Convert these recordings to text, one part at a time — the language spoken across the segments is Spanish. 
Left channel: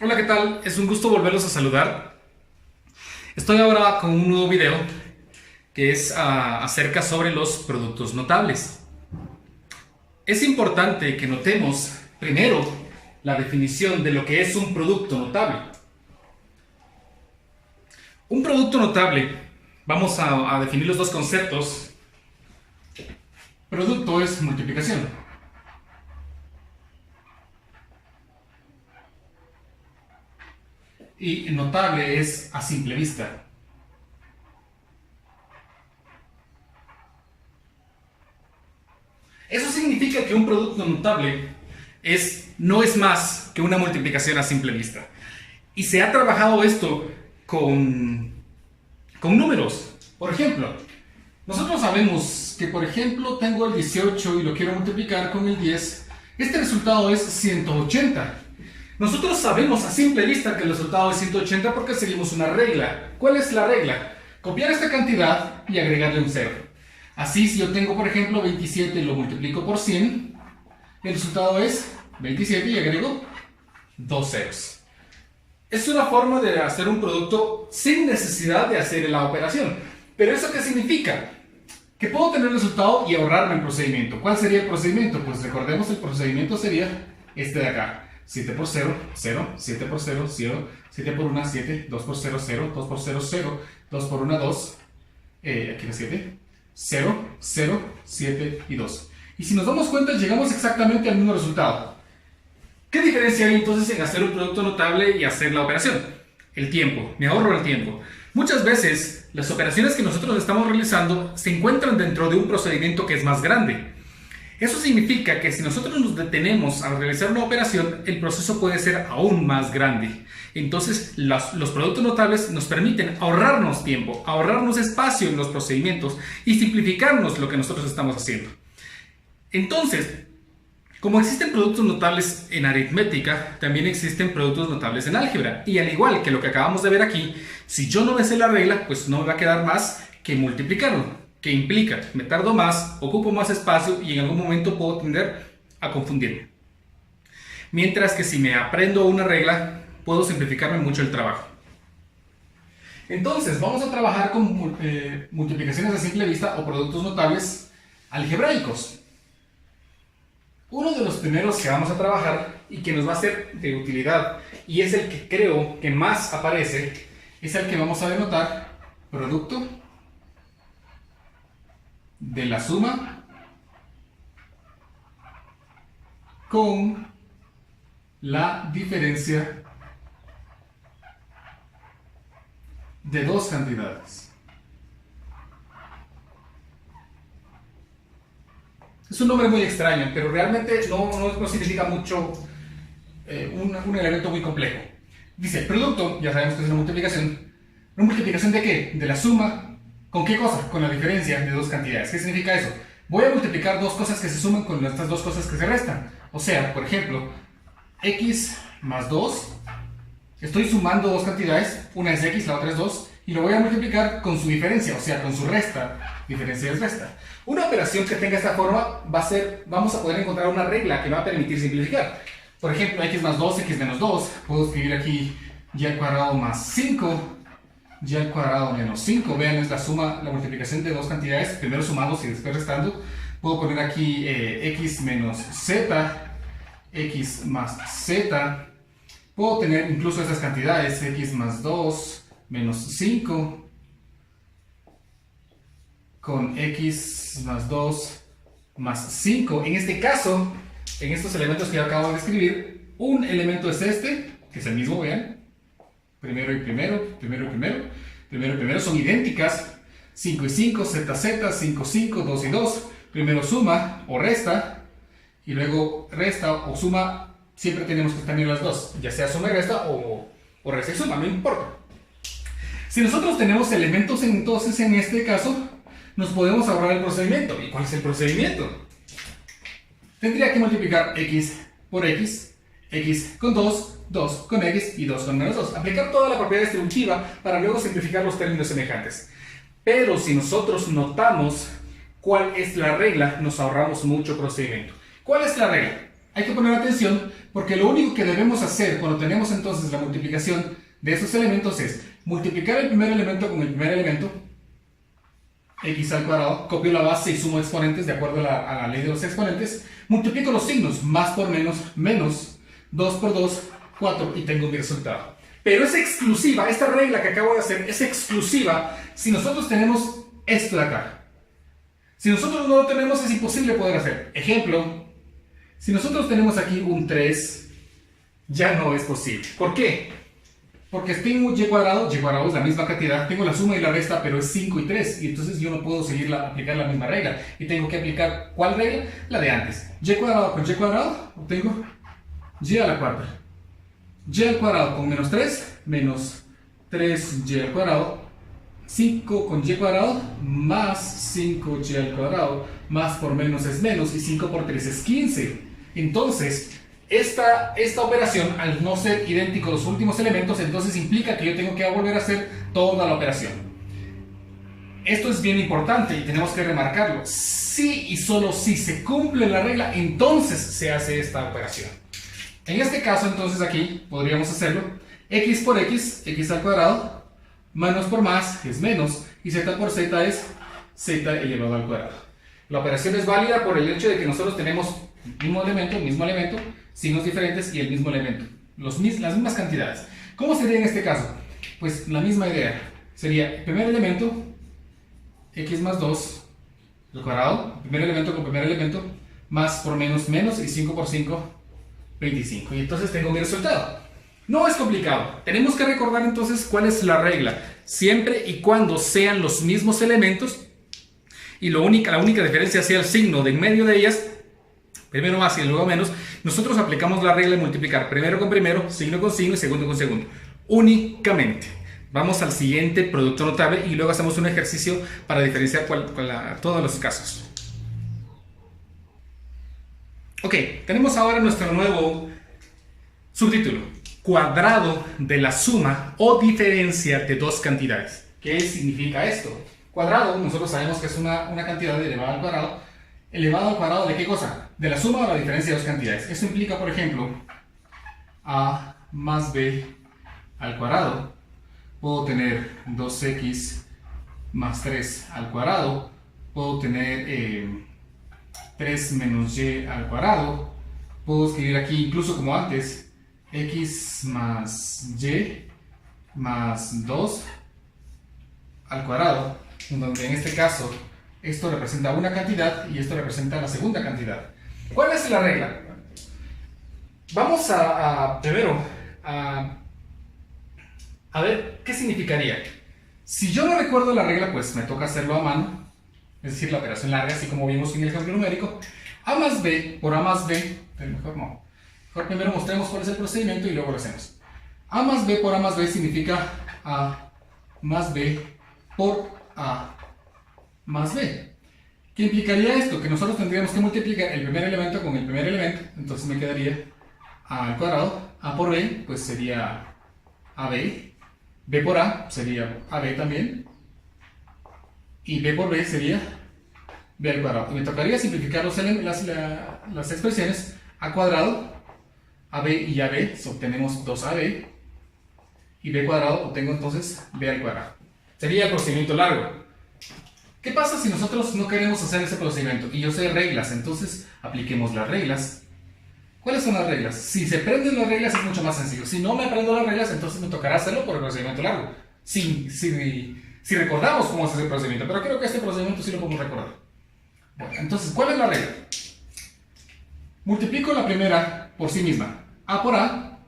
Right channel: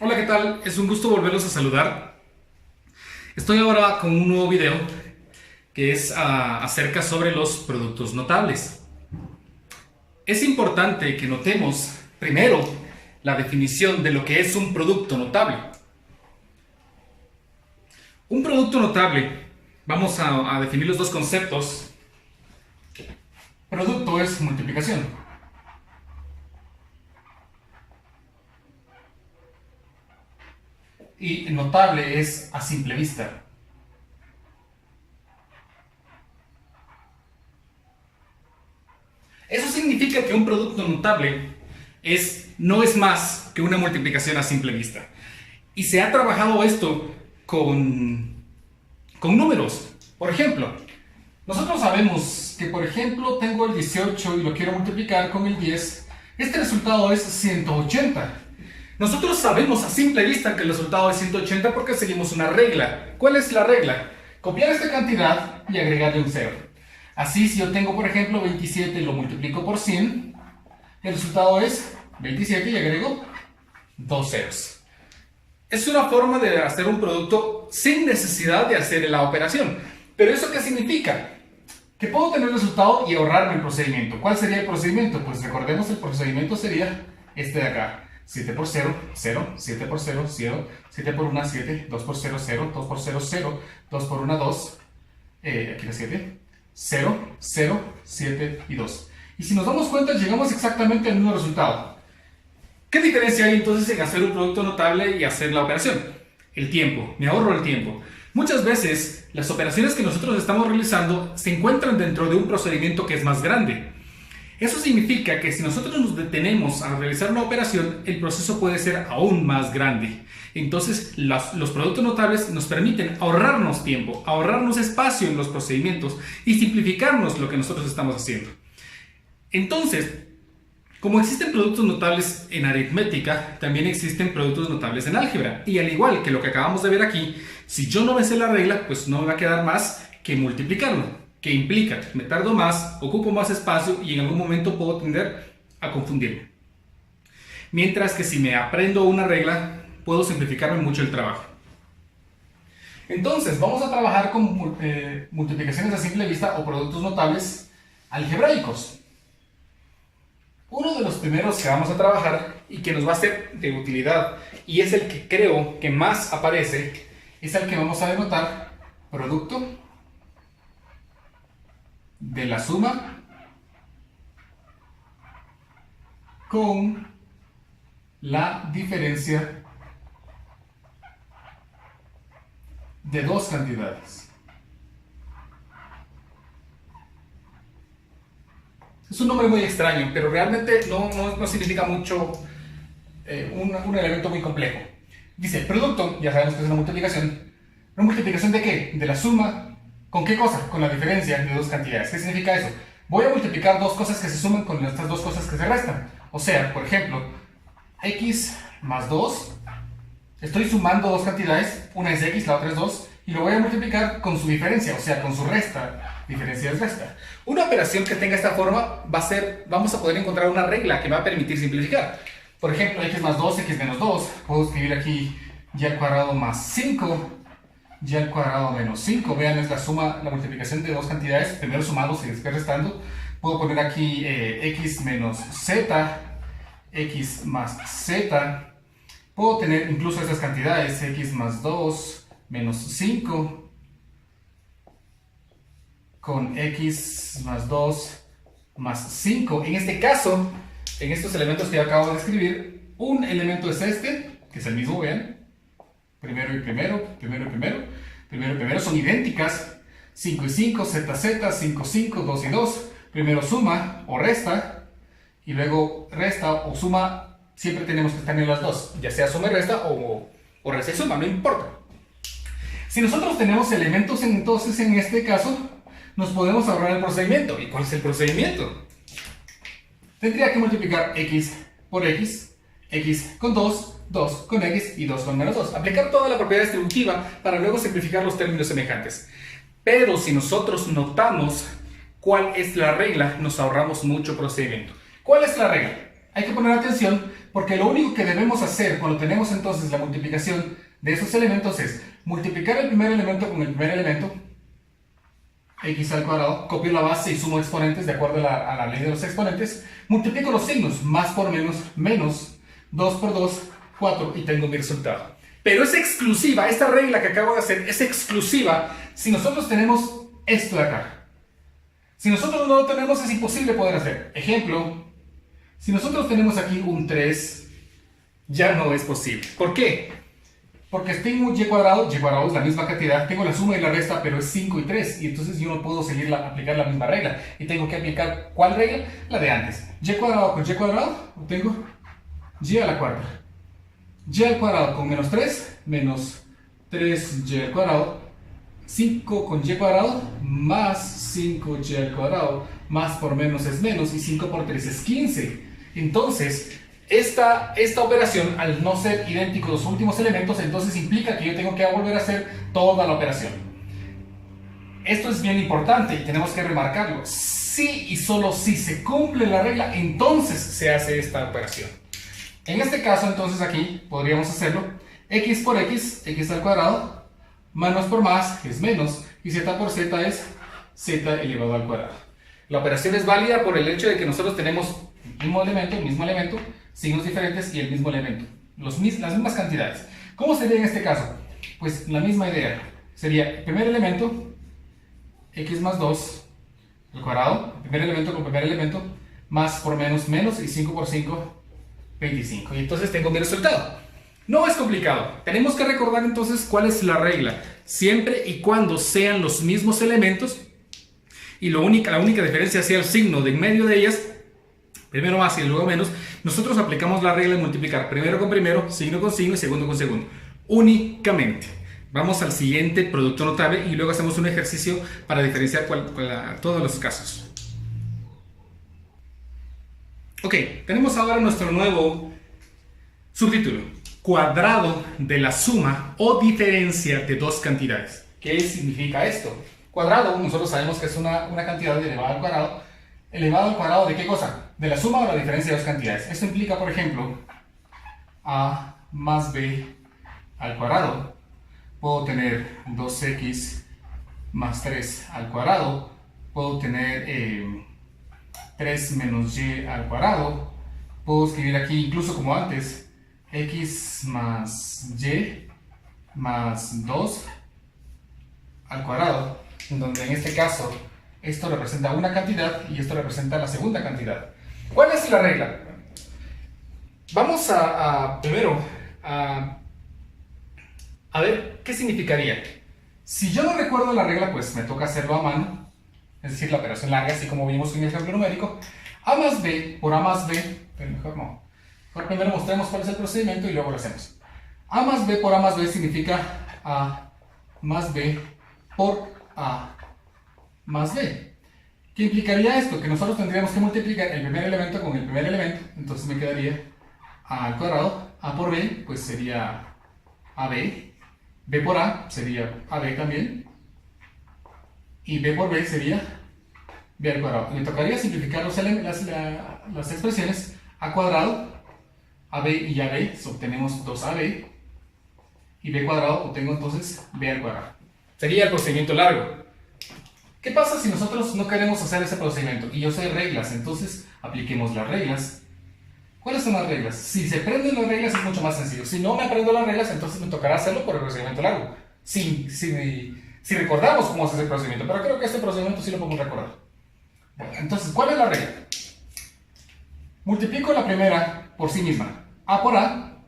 Hola, ¿qué tal? Es un gusto volverlos a saludar. Estoy ahora con un nuevo video que es acerca sobre los productos notables. Es importante que notemos primero la definición de lo que es un producto notable. Un producto notable, vamos a definir los dos conceptos. Producto es multiplicación. Y notable es a simple vista. Eso significa que un producto notable no es más que una multiplicación a simple vista. Y se ha trabajado esto con números. Por ejemplo, nosotros sabemos que, por ejemplo, tengo el 18 y lo quiero multiplicar con el 10. Este resultado es 180. Nosotros sabemos a simple vista que el resultado es 180 porque seguimos una regla. ¿Cuál es la regla? Copiar esta cantidad y agregarle un 0. Así, si yo tengo, por ejemplo, 27 y lo multiplico por 100, el resultado es 27 y agrego 2 ceros. Es una forma de hacer un producto sin necesidad de hacer la operación. ¿Pero eso qué significa? Que puedo tener el resultado y ahorrarme el procedimiento. ¿Cuál sería el procedimiento? Pues recordemos, el procedimiento sería este de acá. 7 por 0, 0, 7 por 0, 0, 7 por 1, 7, 2 por 0, 0, 2 por 0, 0, 2 por 1, 2, aquí la 7, 0, 0, 7 y 2. Y si nos damos cuenta, llegamos exactamente al mismo resultado. ¿Qué diferencia hay entonces en hacer un producto notable y hacer la operación? El tiempo, me ahorro el tiempo. Muchas veces, las operaciones que nosotros estamos realizando se encuentran dentro de un procedimiento que es más grande. Eso significa que si nosotros nos detenemos a realizar una operación, el proceso puede ser aún más grande. Entonces, los productos notables nos permiten ahorrarnos tiempo, ahorrarnos espacio en los procedimientos y simplificarnos lo que nosotros estamos haciendo. Entonces, como existen productos notables en aritmética, también existen productos notables en álgebra. Y al igual que lo que acabamos de ver aquí, si yo no me sé la regla, pues no me va a quedar más que multiplicarlo. Que implica, me tardo más, ocupo más espacio y en algún momento puedo tender a confundirme. Mientras que si me aprendo una regla, puedo simplificarme mucho el trabajo. Entonces, vamos a trabajar con multiplicaciones a simple vista o productos notables algebraicos. Uno de los primeros que vamos a trabajar y que nos va a ser de utilidad y es el que creo que más aparece, es el que vamos a denotar producto de la suma con la diferencia de dos cantidades. Es un nombre muy extraño, pero realmente no significa mucho, un elemento muy complejo. Dice, producto, ya sabemos que es una multiplicación. ¿Una multiplicación de qué? De la suma. ¿Con qué cosa? Con la diferencia de dos cantidades. ¿Qué significa eso? Voy a multiplicar dos cosas que se suman con estas dos cosas que se restan. O sea, por ejemplo, x más 2. Estoy sumando dos cantidades. Una es x, la otra es 2. Y lo voy a multiplicar con su diferencia, o sea, con su resta. Diferencia es resta. Una operación que tenga esta forma vamos a poder encontrar una regla que me va a permitir simplificar. Por ejemplo, x más 2, x menos 2. Puedo escribir aquí y al cuadrado más 5. Y al cuadrado menos 5, vean, es la suma, la multiplicación de dos cantidades, primero sumando y después restando. Puedo poner aquí x menos z, x más z. Puedo tener incluso estas cantidades, x más 2 menos 5 con x más 2 más 5. En este caso, en estos elementos que yo acabo de escribir, un elemento es este, que es el mismo, vean. Primero y primero, primero y primero, primero y primero son idénticas. 5 y 5, z, z, 5, 5, 2 y 2. Primero suma o resta, y luego resta o suma. Siempre tenemos que tener las dos, ya sea suma y resta o resta y suma, no importa. Si nosotros tenemos elementos, entonces en este caso nos podemos ahorrar el procedimiento. ¿Y cuál es el procedimiento? Tendría que multiplicar x por x, x con 2, 2 con x y 2 con menos 2. Aplicar toda la propiedad distributiva para luego simplificar los términos semejantes. Pero si nosotros notamos cuál es la regla, nos ahorramos mucho procedimiento. ¿Cuál es la regla? hay que poner atención porque lo único que debemos hacer cuando tenemos entonces la multiplicación de esos elementos es multiplicar el primer elemento con el primer elemento, x al cuadrado, copio la base y sumo exponentes de acuerdo a la ley de los exponentes, multiplico los signos, más por menos, menos, 2 por 2, 4 y tengo mi resultado. Pero es exclusiva, esta regla que acabo de hacer es exclusiva si nosotros tenemos esto de acá. Si nosotros no lo tenemos es imposible poder hacer. Ejemplo, si nosotros tenemos aquí un 3, ya no es posible. ¿Por qué? Porque tengo y cuadrado es la misma cantidad, tengo la suma y la resta, pero es 5 y 3, y entonces yo no puedo aplicar la misma regla. Y tengo que aplicar, ¿cuál regla? La de antes. Y cuadrado con y cuadrado, obtengo y a la cuarta. Y al cuadrado con menos 3, menos 3y al cuadrado, 5 con y cuadrado, más 5y al cuadrado, más por menos es menos, y 5 por 3 es 15. Entonces, esta operación, al no ser idénticos los últimos elementos, entonces implica que yo tengo que volver a hacer toda la operación. Esto es bien importante y tenemos que remarcarlo. Si y solo si se cumple la regla, entonces se hace esta operación. En este caso, entonces aquí podríamos hacerlo. X por x, x al cuadrado, menos por más es menos, y z por z es z elevado al cuadrado. La operación es válida por el hecho de que nosotros tenemos el mismo elemento, signos diferentes y el mismo elemento, las mismas cantidades. ¿Cómo sería en este caso? Pues la misma idea. Sería el primer elemento, x más 2 al cuadrado, primer elemento con primer elemento, más por menos menos, y 5 por 5, 25. Y entonces tengo mi resultado. No es complicado. Tenemos que recordar entonces cuál es la regla. Siempre y cuando sean los mismos elementos, y la única diferencia sea el signo de en medio de ellas, primero más y luego menos, nosotros aplicamos la regla de multiplicar primero con primero, signo con signo y segundo con segundo. Únicamente. Vamos al siguiente producto notable y luego hacemos un ejercicio para diferenciar todos los casos. Ok, tenemos ahora nuestro nuevo subtítulo. Cuadrado de la suma o diferencia de dos cantidades. ¿Qué significa esto? Cuadrado, nosotros sabemos que es una cantidad elevada al cuadrado. ¿Elevado al cuadrado de qué cosa? De la suma o la diferencia de dos cantidades. Esto implica, por ejemplo, a más b al cuadrado. Puedo tener 2x más 3 al cuadrado. Puedo tener 3 menos y al cuadrado. Puedo escribir aquí, incluso como antes, x más y más 2 al cuadrado, donde en este caso esto representa una cantidad y esto representa la segunda cantidad. ¿Cuál es la regla? Vamos primero a ver qué significaría. Si yo no recuerdo la regla, pues me toca hacerlo a mano, es decir, la operación larga, así como vimos en el ejemplo numérico. A más b por a más b, pero mejor no. Mejor primero mostremos cuál es el procedimiento y luego lo hacemos. A más b por a más b significa a más b por a más b. ¿Qué implicaría esto? Que nosotros tendríamos que multiplicar el primer elemento con el primer elemento, entonces me quedaría a al cuadrado, a por b, pues sería ab, b por a sería ab también, y b por b sería b al cuadrado. Y me tocaría simplificar las expresiones. A cuadrado, ab y ab, obtenemos 2ab, y b cuadrado obtengo entonces b al cuadrado. Sería el procedimiento largo. ¿Qué pasa si nosotros no queremos hacer ese procedimiento? Y yo sé reglas, entonces apliquemos las reglas. ¿Cuáles son las reglas? Si se aprenden las reglas es mucho más sencillo. Si no me aprendo las reglas, entonces me tocará hacerlo por el procedimiento largo. Si recordamos cómo se hace el procedimiento, pero creo que este procedimiento sí lo podemos recordar. Bueno, entonces, ¿cuál es la regla? Multiplico la primera por sí misma. A por a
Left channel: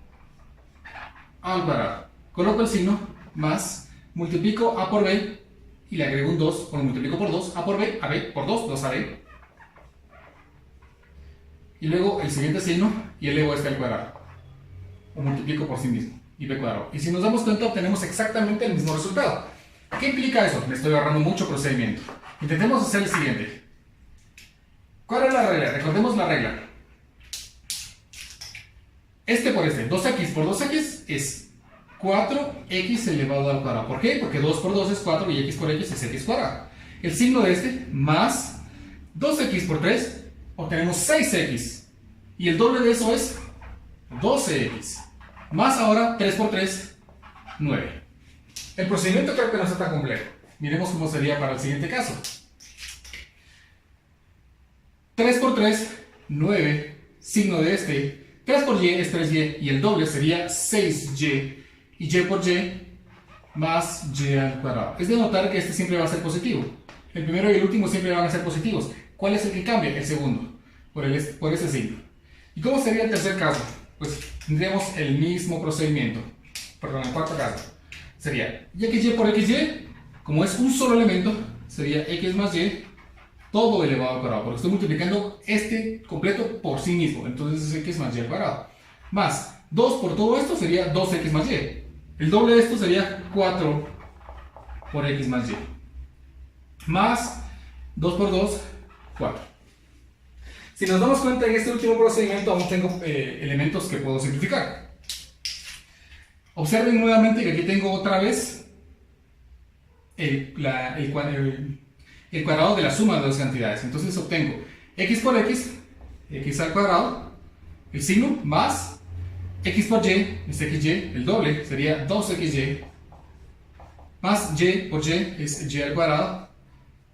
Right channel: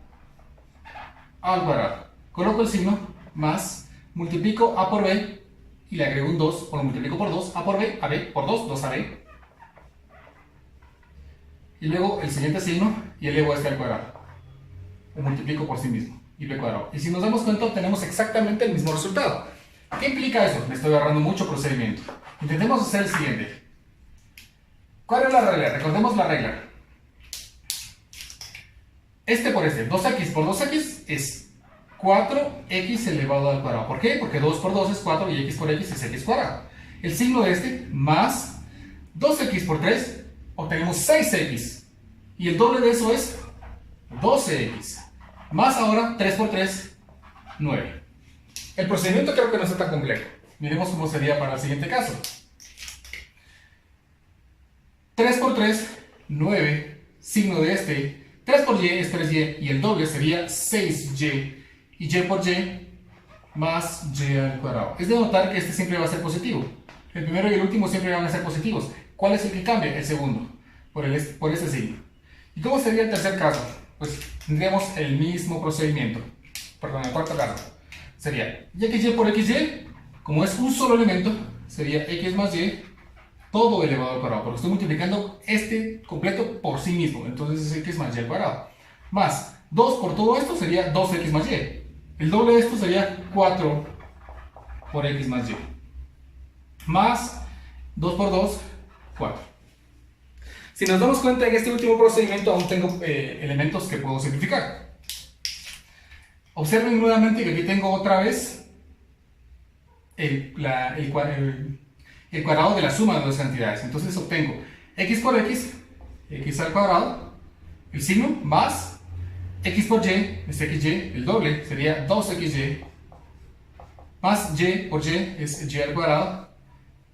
al cuadrado. Coloco el signo más, multiplico a por b y le agrego un 2, o lo multiplico por 2, a por b, ab por 2, 2ab. Y luego el siguiente signo y elevo este al cuadrado. Lo multiplico por sí mismo y b cuadrado. Y si nos damos cuenta obtenemos exactamente el mismo resultado. ¿Qué implica eso? Me estoy agarrando mucho procedimiento. Intentemos hacer el siguiente. ¿Cuál es la regla? Recordemos la regla. Este por este, 2x por 2x es 4x elevado al cuadrado. ¿Por qué? Porque 2 por 2 es 4 y x por x es x cuadrado. El signo de este más 2x por 3 obtenemos 6x Y el doble de eso es 12x. Más ahora 3 por 3, 9. El procedimiento creo que no está tan complejo. Miremos cómo sería para el siguiente caso. 3 por 3, 9. Signo de este. 3 por y es 3y. Y el doble sería 6y. Y y por y más y al cuadrado. Es de notar que este siempre va a ser positivo. El primero y el último siempre van a ser positivos. ¿Cuál es el que cambia? El segundo. Por ese signo. ¿Y cómo sería el tercer caso? Pues tendríamos el mismo procedimiento. Perdón, el cuarto caso. Sería y por xy. Como es un solo elemento, sería x más y todo elevado al cuadrado. Porque estoy multiplicando este completo por sí mismo. Entonces es x más y al cuadrado. Más 2 por todo esto sería 2x más y. El doble de esto sería 4 por x más y. Más 2 por 2, 4. Si nos damos cuenta, en este último procedimiento aún tengo elementos que puedo simplificar. Observen nuevamente que aquí tengo otra vez el cuadrado de la suma de dos cantidades. Entonces obtengo x por x, x al cuadrado, el signo, más x por y, es xy, el doble sería 2xy, más y por y es y al cuadrado,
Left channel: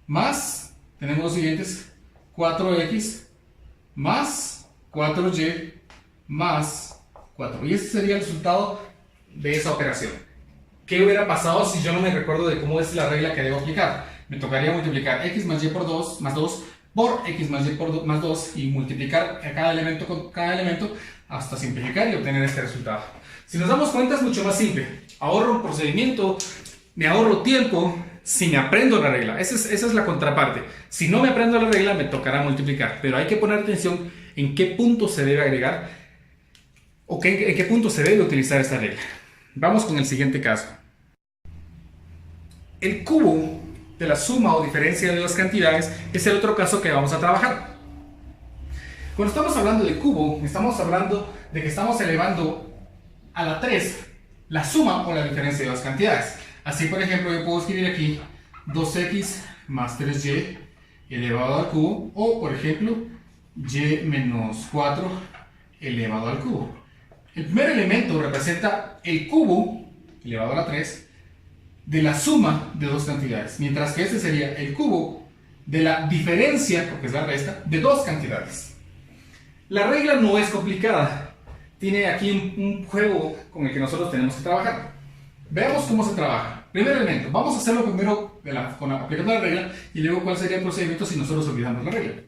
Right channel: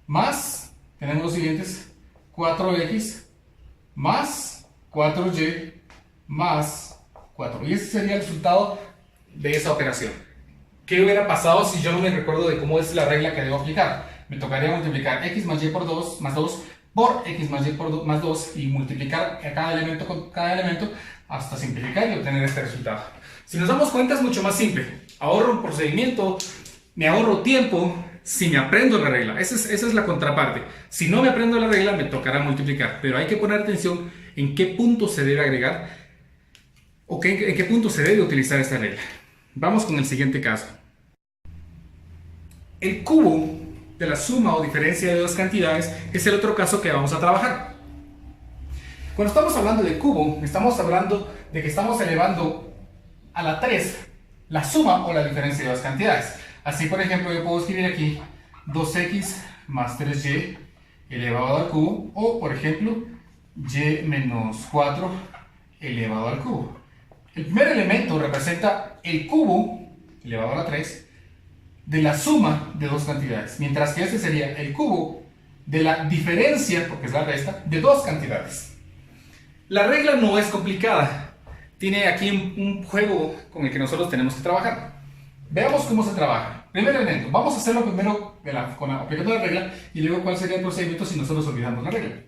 más, tenemos los siguientes, 4x más 4y más 4. Y ese sería el resultado de esa operación. ¿Qué hubiera pasado si yo no me recuerdo de cómo es la regla que debo aplicar? Me tocaría multiplicar x más y por 2 más 2 por x más y por más 2 y multiplicar a cada elemento con cada elemento hasta simplificar y obtener este resultado. Si nos damos cuenta es mucho más simple. Ahorro un procedimiento, me ahorro tiempo si me aprendo la regla. Esa es la contraparte. Si no me aprendo la regla me tocará multiplicar, pero hay que poner atención en qué punto se debe agregar o en qué punto se debe utilizar esta regla. Vamos con el siguiente caso. El cubo de la suma o diferencia de dos cantidades es el otro caso que vamos a trabajar. Cuando estamos hablando de cubo, estamos hablando de que estamos elevando a la 3 la suma o la diferencia de dos cantidades. Así, por ejemplo, yo puedo escribir aquí 2x más 3y elevado al cubo, o por ejemplo, y menos 4 elevado al cubo. El primer elemento representa el cubo elevado a la 3 de la suma de dos cantidades, mientras que este sería el cubo de la diferencia, porque es la resta, de dos cantidades. La regla no es complicada, tiene aquí un juego con el que nosotros tenemos que trabajar. Veamos cómo se trabaja. Primer elemento, vamos a hacerlo primero aplicando la regla y luego cuál sería el procedimiento si nosotros olvidamos la regla.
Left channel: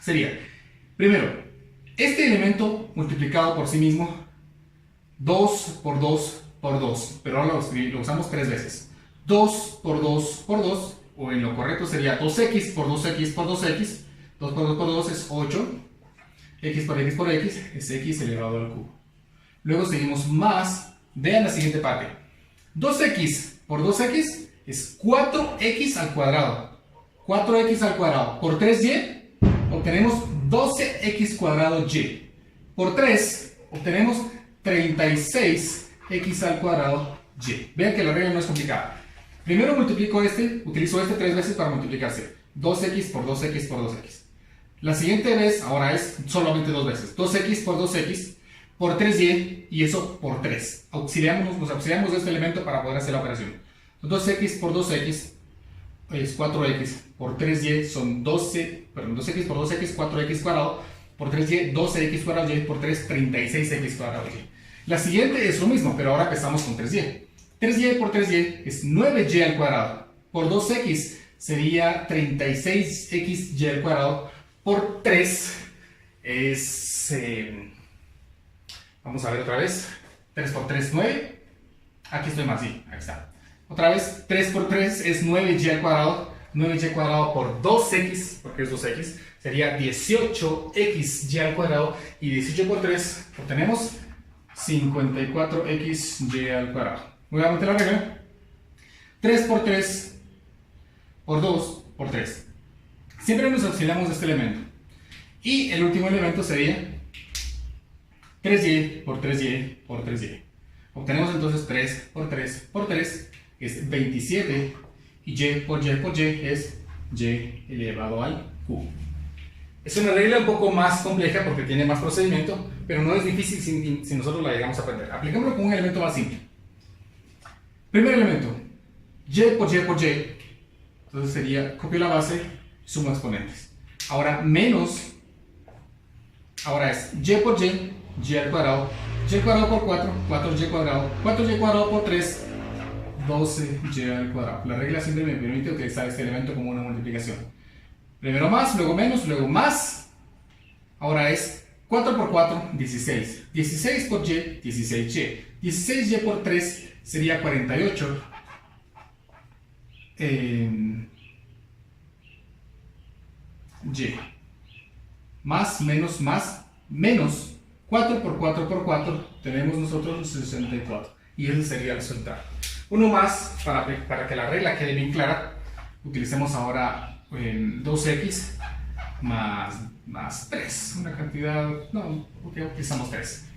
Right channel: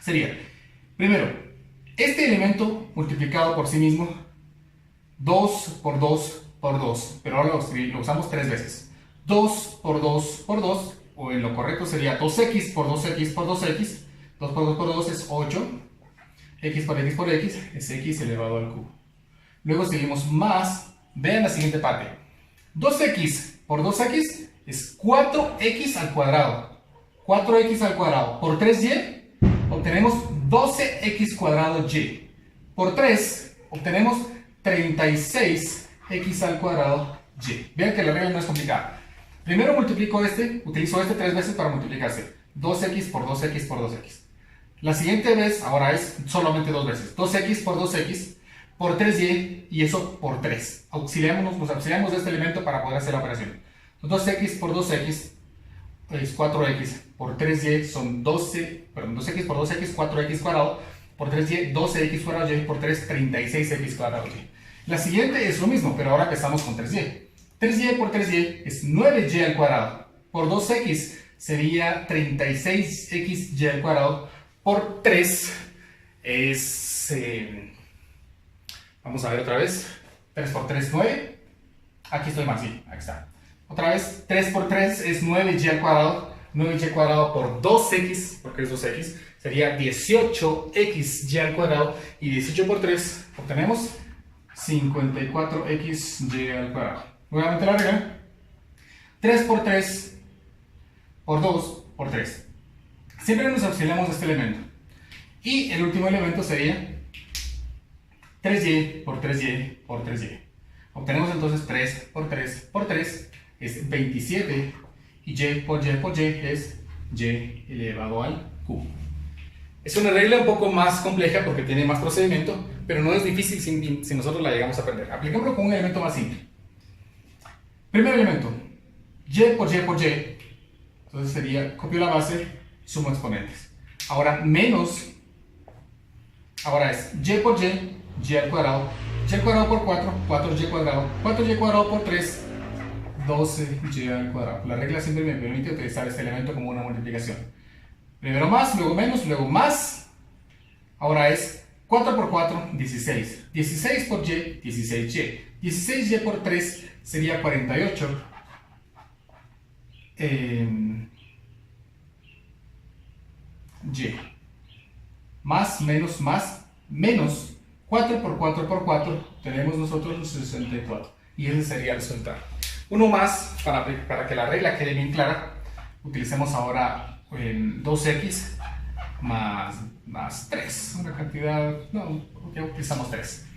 Sería, primero, este elemento multiplicado por sí mismo, 2 por 2 por 2, pero ahora lo usamos tres veces. 2 por 2 por 2, o en lo correcto sería 2x por 2x por 2x, 2 por 2 por 2 es 8, x por x es x elevado al cubo. Luego seguimos más, vean la siguiente parte. 2x por 2x es 4x al cuadrado. 4x al cuadrado por 3y obtenemos 12x cuadrado y. Por 3 obtenemos 36x al cuadrado y. Vean que la regla no es complicada. Primero multiplico utilizo este tres veces para multiplicarse. 2x por 2x por 2x. La siguiente vez ahora es solamente dos veces. 2x por 2x por 3y y eso por 3. Nos auxiliamos de este elemento para poder hacer la operación. 2x por 2x es 4x por 3y son 2x por 2x, 4x cuadrado por 3y, 12x cuadrado y por 3, 36x cuadrado y. La siguiente es lo mismo, pero ahora empezamos con 3y. 3y por 3y es 9y al cuadrado. Por 2x sería 36xy al cuadrado. Por 3 es... vamos a ver otra vez. 3 por 3, 9. Aquí estoy más, sí, aquí está. Otra vez, 3 por 3 es 9y al cuadrado. 9y al cuadrado por 2x, porque es 2x, sería 18xy al cuadrado. Y 18 por 3 obtenemos 54xy al cuadrado. Nuevamente la regla. 3 por 3 por 2 por 3. Siempre nos auxiliamos de este elemento. Y el último elemento sería 3y por 3y por 3y. Obtenemos entonces 3 por 3 por 3 es 27 y y por y es y elevado al cubo. Es una regla un poco más compleja porque tiene más procedimiento, pero no es difícil si nosotros la llegamos a aprender. Apliquémoslo con un elemento más simple. Primer elemento, y por y por y. Entonces sería, copio la base, sumo exponentes. Ahora menos, ahora es y por y al cuadrado por 4, 4y cuadrado, 4y cuadrado por 3, 12y al cuadrado. La regla siempre me permite utilizar este elemento como una multiplicación. Primero más, luego menos, luego más. Ahora es 4 por 4, 16. 16 por y, 16y. 16y por 3 sería 48. Y. Más, menos 4 por 4 por 4, tenemos nosotros 64. Y ese sería el resultado. Uno más, para que la regla quede bien clara, utilicemos ahora 2x más 3, una cantidad, no, ok, utilizamos 3.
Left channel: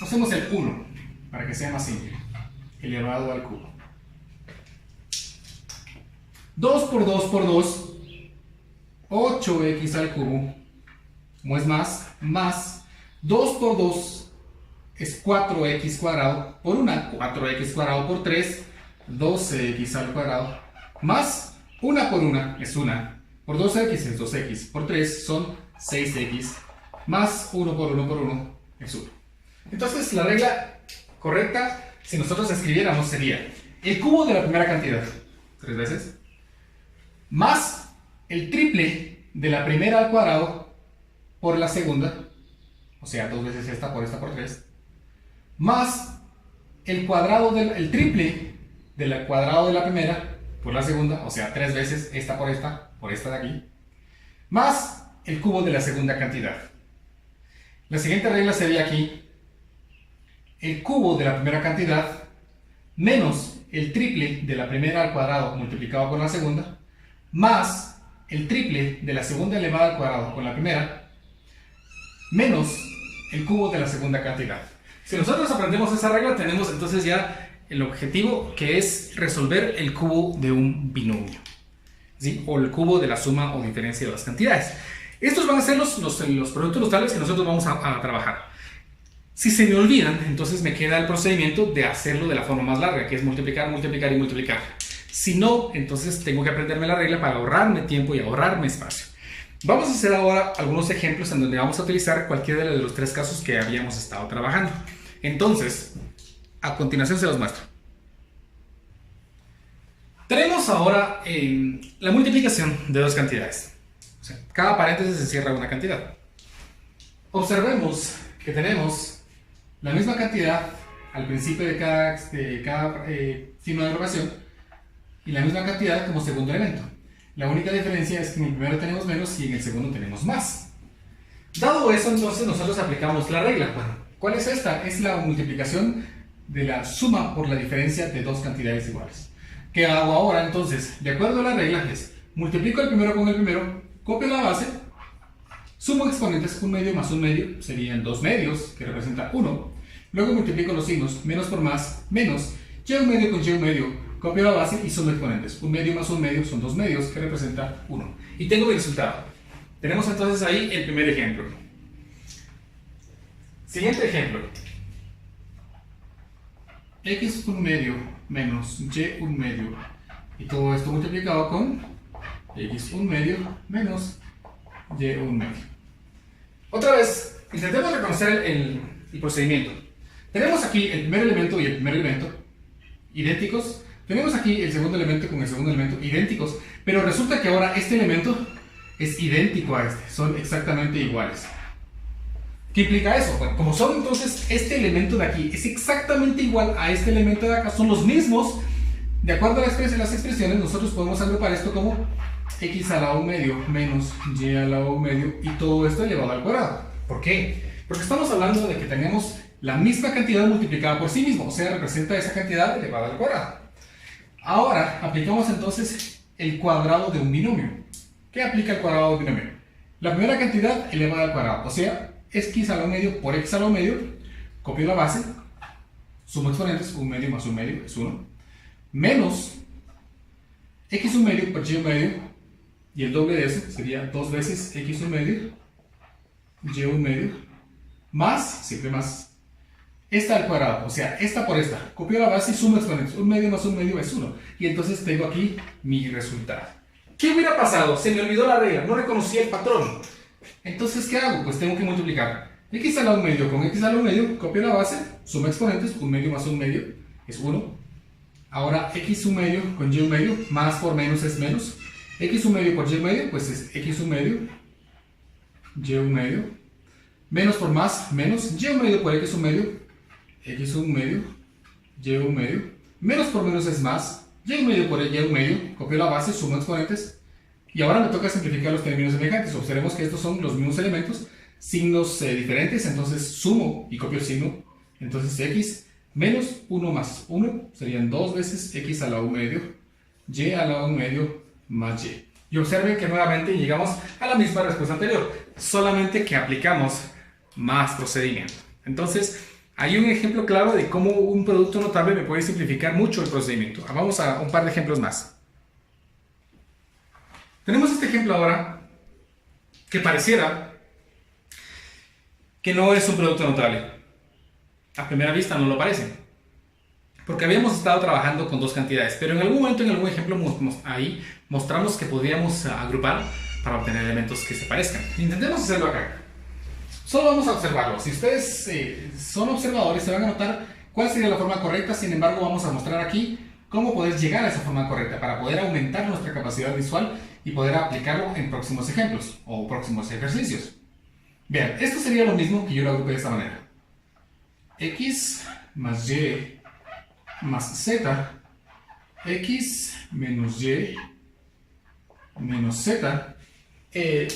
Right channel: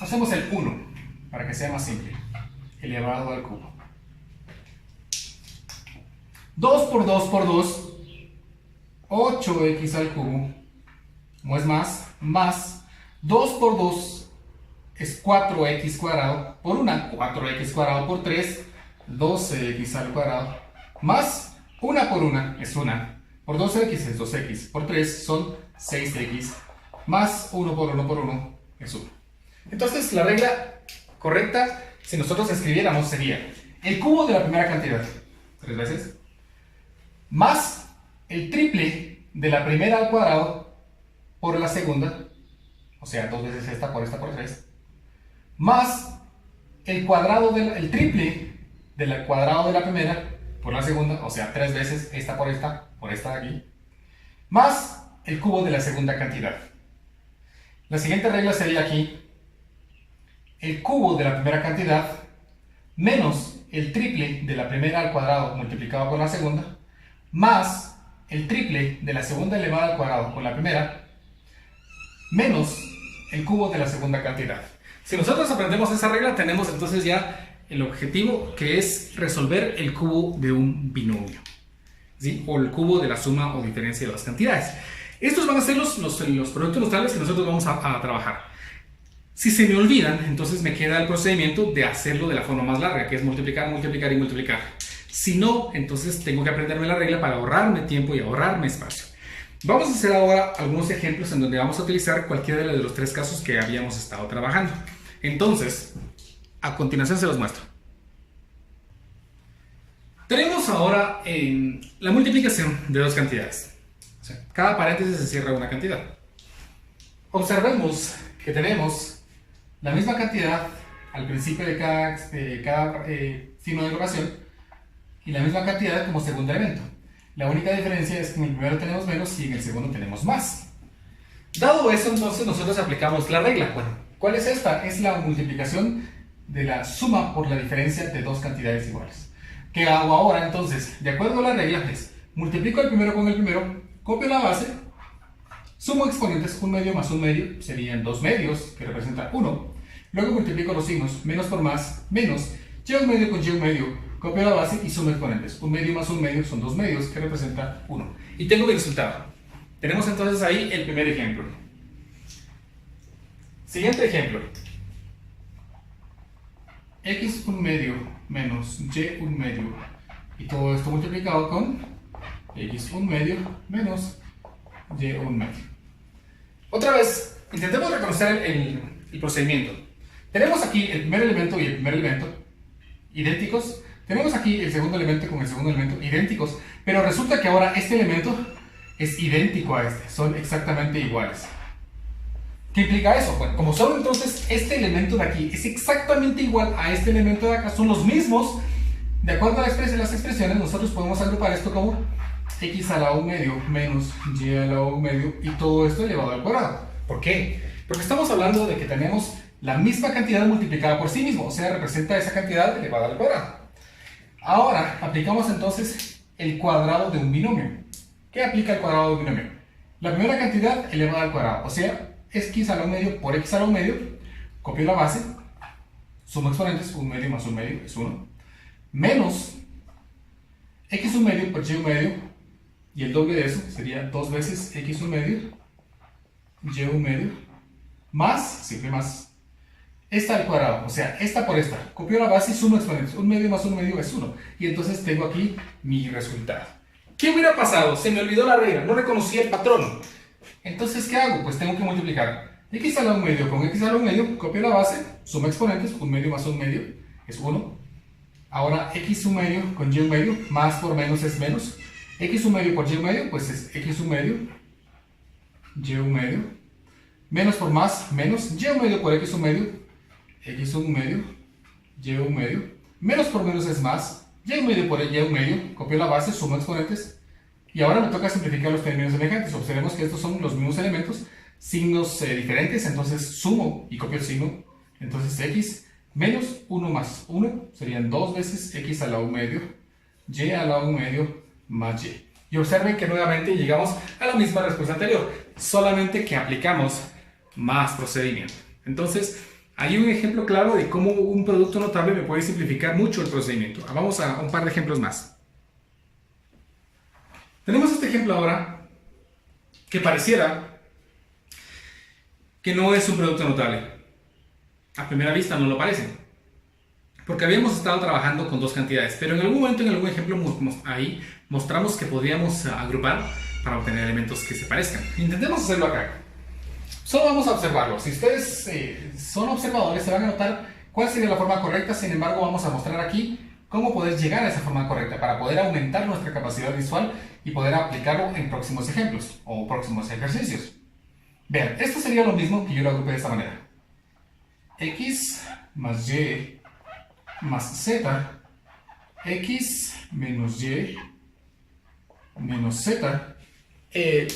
Hacemos el 1, para que sea más simple, elevado al cubo. 2 por 2 por 2, 8x al cubo, como es más 2 por 2 es 4x cuadrado, por 1, 4x cuadrado por 3, 12x al cuadrado, más 1 por 1 es 1, por 2x es 2x, por 3 son 6x, más 1 por 1 por 1 es 1. Entonces la regla correcta, si nosotros escribiéramos, sería el cubo de la primera cantidad, 3 veces, más el triple de la primera al cuadrado por la segunda, o sea, 2 veces esta por 3, más el cuadrado el triple del cuadrado de la primera por la segunda, o sea, 3 veces esta por esta de aquí, más el cubo de la segunda cantidad. La siguiente regla sería aquí, el cubo de la primera cantidad menos el triple de la primera al cuadrado multiplicado con la segunda, más el triple de la segunda elevada al cuadrado con la primera, menos el cubo de la segunda cantidad. Si nosotros aprendemos esa regla, tenemos entonces ya el objetivo, que es resolver el cubo de un binomio, ¿sí? O el cubo de la suma o diferencia de dos cantidades. Estos van a ser los productos notables que nosotros vamos a trabajar. Si se me olvidan, entonces me queda el procedimiento de hacerlo de la forma más larga, que es multiplicar, multiplicar y multiplicar. Si no, entonces tengo que aprenderme la regla para ahorrarme tiempo y ahorrarme espacio. Vamos a hacer ahora algunos ejemplos en donde vamos a utilizar cualquiera de los 3 casos que habíamos estado trabajando. Entonces, a continuación se los muestro. Tenemos ahora la multiplicación de dos cantidades. O sea, cada paréntesis se cierra una cantidad. Observemos que tenemos la misma cantidad al principio de cada signo de agrupación y la misma cantidad como segundo elemento. La única diferencia es que en el primero tenemos menos y en el segundo tenemos más. Dado eso, entonces nosotros aplicamos la regla. Bueno, ¿cuál es esta? Es la multiplicación de la suma por la diferencia de dos cantidades iguales. ¿Qué hago ahora? Entonces, de acuerdo a la regla, es multiplico el primero con el primero, copio la base, sumo exponentes, 1 medio más 1 medio, serían 2 medios, que representa 1. Luego multiplico los signos, menos por más, menos, y1 medio con y1 medio, copio la base y sumo exponentes. 1 medio más 1 medio son 2 medios, que representa 1. Y tengo el resultado. Tenemos entonces ahí el primer ejemplo. Siguiente ejemplo. X1 medio menos Y1 medio. Y todo esto multiplicado con X1 medio menos Y1 medio. Otra vez, intentemos reconocer el procedimiento. Tenemos aquí el primer elemento y el primer elemento idénticos. Tenemos aquí el segundo elemento con el segundo elemento idénticos. Pero resulta que ahora este elemento es idéntico a este. Son exactamente iguales. ¿Qué implica eso? Bueno, como son entonces este elemento de aquí es exactamente igual a este elemento de acá, son los mismos, de acuerdo a las expresiones, nosotros podemos agrupar esto como x a la 1 medio menos y a la 1 medio y todo esto elevado al cuadrado. ¿Por qué? Porque estamos hablando de que tenemos la misma cantidad multiplicada por sí mismo, o sea, representa esa cantidad elevada al cuadrado. Ahora, aplicamos entonces el cuadrado de un binomio. ¿Qué aplica el cuadrado de un binomio? La primera cantidad elevada al cuadrado, o sea, x a la 1 medio por x a la 1 medio, copio la base, sumo exponentes, 1 medio más 1 medio es 1, menos x1 medio por y1 medio, y el doble de eso sería 2 veces x1 medio, y1 medio, más, siempre más, esta al cuadrado, o sea, esta por esta. Copio la base y sumo exponentes. 1 medio más 1 medio es 1. Y entonces tengo aquí mi resultado. ¿Qué hubiera pasado? Se me olvidó la regla, no reconocí el patrón. Entonces, ¿qué hago? Pues tengo que multiplicar x a la 1 medio con x a la 1 medio, copio la base, sumo exponentes, 1 medio más 1 medio es 1. Ahora x1 medio con y1 medio, más por menos es menos. x1 medio por y1 medio, pues es x1 medio, y1 medio. Menos por más, menos. y1 medio por x1 medio, x1 medio, y1 medio. Menos por menos es más. y1 medio por y1 medio, copio la base, sumo exponentes. Y ahora me toca simplificar los términos semejantes. Observemos que estos son los mismos elementos, signos diferentes, entonces sumo y copio el signo. Entonces x menos 1 más 1 serían 2 veces x a la 1 medio, y a la 1 medio más y. Y observen que nuevamente llegamos a la misma respuesta anterior, solamente que aplicamos más procedimiento. Entonces, hay un ejemplo claro de cómo un producto notable me puede simplificar mucho el procedimiento. Vamos a un par de ejemplos más. Tenemos este ejemplo ahora que pareciera que no es un producto notable. A primera vista no lo parece, porque habíamos estado trabajando con dos cantidades, pero en algún momento, en algún ejemplo, ahí mostramos que podíamos agrupar para obtener elementos que se parezcan. Intentemos hacerlo acá. Solo vamos a observarlo. Si ustedes son observadores, se van a notar cuál sería la forma correcta. Sin embargo, vamos a mostrar aquí cómo poder llegar a esa forma correcta para poder aumentar nuestra capacidad visual y poder aplicarlo en próximos ejemplos o próximos ejercicios. Vean, esto sería lo mismo que yo lo agrupé de esta manera. X más y más z, x menos y menos z.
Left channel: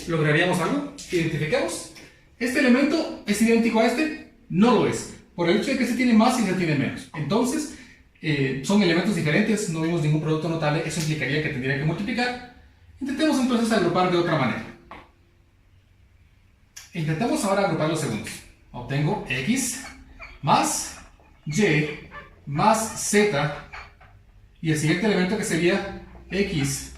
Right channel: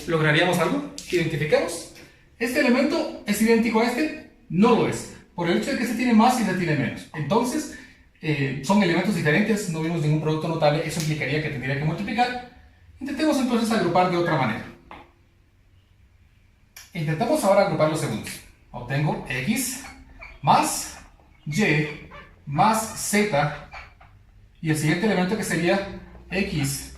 ¿Lograríamos algo? ¿Identificamos? ¿Este elemento es idéntico a este? No lo es, por el hecho de que se tiene más y se tiene menos. Entonces, son elementos diferentes, no vimos ningún producto notable, eso implicaría que tendría que multiplicar. Intentemos entonces agrupar de otra manera. Intentamos ahora agrupar los segundos. Obtengo x más y más z, y el siguiente elemento que sería x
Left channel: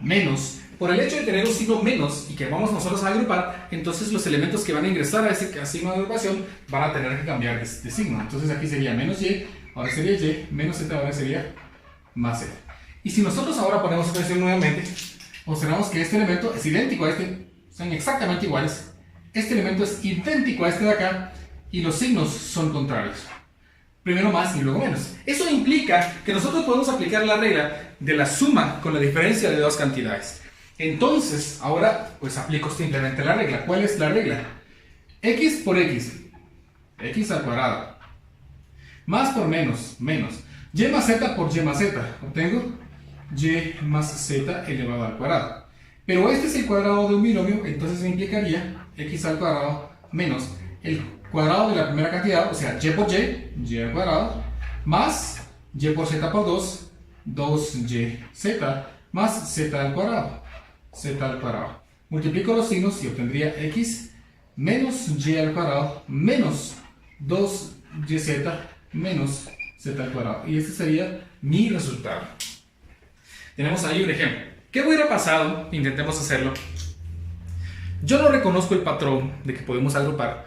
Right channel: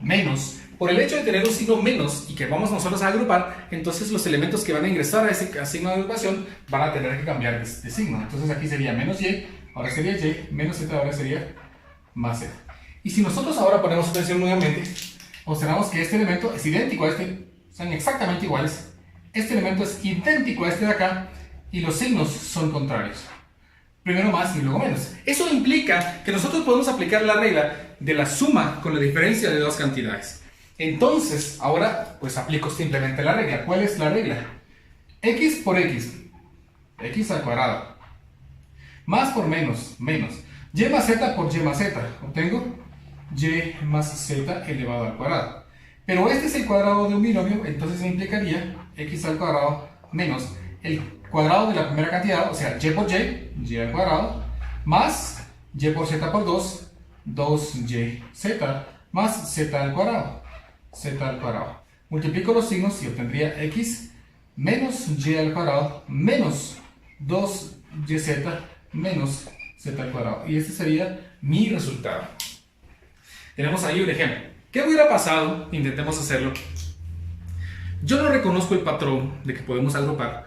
menos. Por el hecho de tener un signo menos y que vamos nosotros a agrupar, entonces los elementos que van a ingresar a ese signo de agrupación van a tener que cambiar de signo. Entonces aquí sería menos y, ahora sería y, menos z, ahora sería más z. Y si nosotros ahora ponemos atención nuevamente, observamos que este elemento es idéntico a este, son exactamente iguales. Este elemento es idéntico a este de acá y los signos son contrarios. Primero más y luego menos. Eso implica que nosotros podemos aplicar la regla de la suma con la diferencia de dos cantidades. Entonces, ahora pues aplico simplemente la regla. ¿Cuál es la regla? X por x, x al cuadrado, más por menos, menos, y más z por y más z. Obtengo y más z elevado al cuadrado. Pero este es el cuadrado de un binomio, entonces me implicaría x al cuadrado menos el cuadrado de la primera cantidad, o sea, y por y al cuadrado, más y por z por 2, 2yz, más z al cuadrado, z al cuadrado. Multiplico los signos y obtendría x menos y al cuadrado menos 2yz menos z al cuadrado. Y este sería mi resultado. Tenemos ahí un ejemplo. ¿Qué hubiera pasado? Intentemos hacerlo. Yo no reconozco el patrón de que podemos agrupar.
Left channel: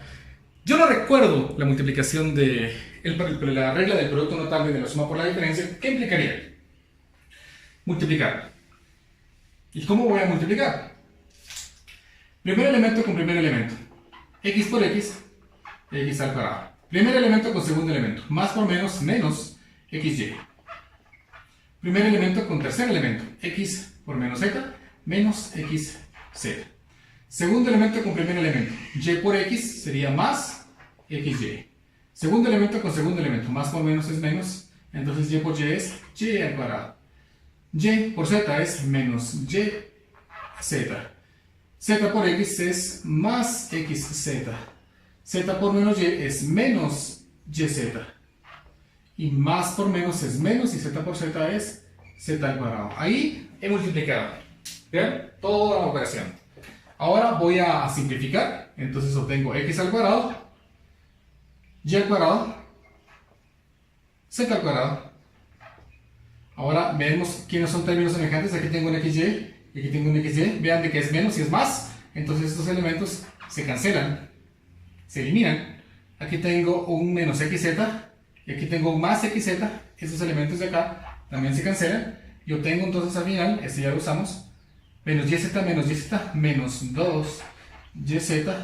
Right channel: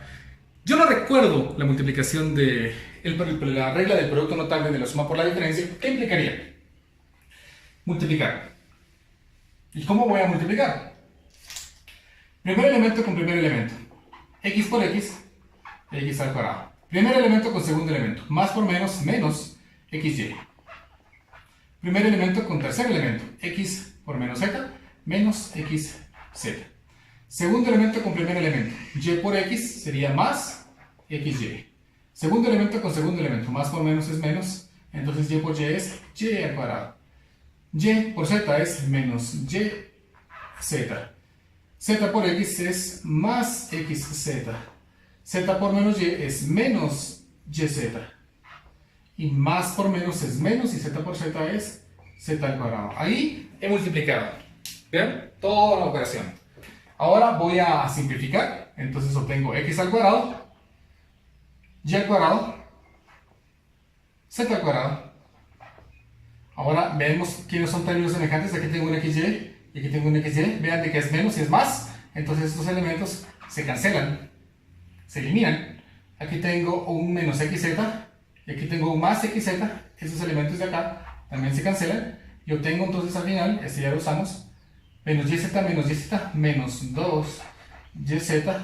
Yo no recuerdo la multiplicación de la regla del producto notable de la suma por la diferencia. ¿Qué implicaría? Multiplicar. ¿Y cómo voy a multiplicar? Primer elemento con primer elemento. X por x, x al cuadrado. Primer elemento con segundo elemento. Más por menos, menos xy. Primer elemento con tercer elemento. X por menos z, menos xz. Segundo elemento con primer elemento. Y por x sería más xy. Segundo elemento con segundo elemento. Más por menos es menos. Entonces y por y es y al cuadrado. Y por z es menos y z. Z por x es más xz. Z por menos y es menos yz. Y más por menos es menos y z por z es z al cuadrado. Ahí he multiplicado. ¿Vean? Toda la operación. Ahora voy a simplificar. Entonces obtengo x al cuadrado, y al cuadrado, z al cuadrado. Ahora vemos quiénes son términos semejantes. Aquí tengo un xy y aquí tengo un XY, vean de que es menos y es más, entonces estos elementos se cancelan, se eliminan. Aquí tengo un menos XZ y aquí tengo un más XZ, esos elementos de acá también se cancelan y obtengo entonces al final, este ya lo usamos, menos YZ menos 2YZ,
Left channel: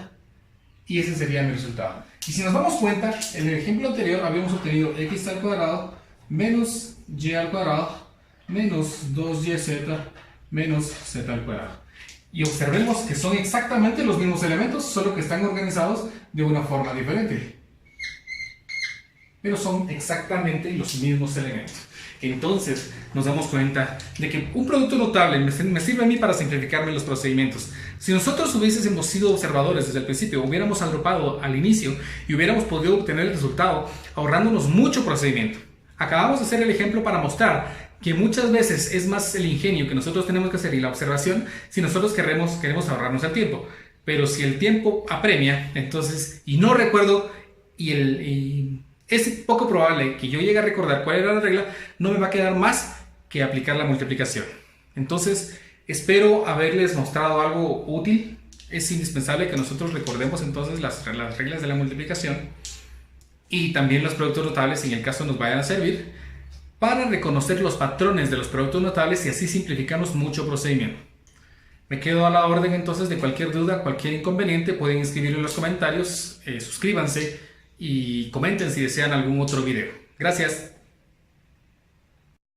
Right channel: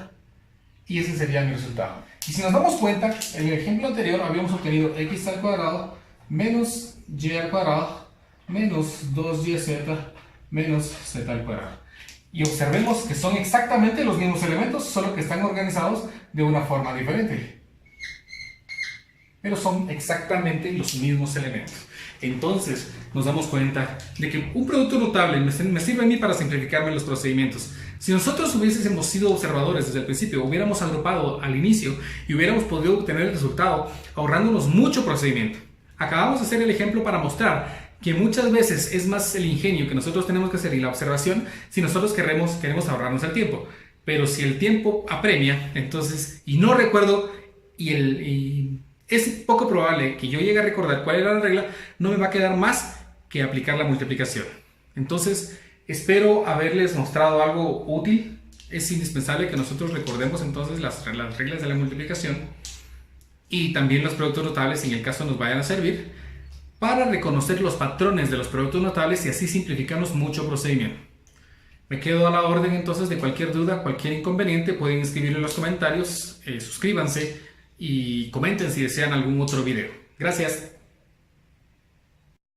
y ese sería mi resultado. Y si nos damos cuenta, en el ejemplo anterior habíamos obtenido x al cuadrado menos y al cuadrado menos 2YZ menos z al cuadrado. Y observemos que son exactamente los mismos elementos, solo que están organizados de una forma diferente. Pero son exactamente los mismos elementos. Entonces nos damos cuenta de que un producto notable me sirve a mí para simplificarme los procedimientos. Si nosotros hubiésemos sido observadores desde el principio, hubiéramos agrupado al inicio y hubiéramos podido obtener el resultado ahorrándonos mucho procedimiento. Acabamos de hacer el ejemplo para mostrar que muchas veces es más el ingenio que nosotros tenemos que hacer y la observación si nosotros queremos ahorrarnos el tiempo. Pero si el tiempo apremia, entonces, y no recuerdo, es poco probable que yo llegue a recordar cuál era la regla, no me va a quedar más que aplicar la multiplicación. Entonces, espero haberles mostrado algo útil. Es indispensable que nosotros recordemos entonces las reglas de la multiplicación y también los productos notables, en el caso nos vayan a servir, para reconocer los patrones de los productos notables y así simplificamos mucho procedimiento. Me quedo a la orden entonces de cualquier duda, cualquier inconveniente, pueden escribirlo en los comentarios, suscríbanse y comenten si desean algún otro video. Gracias.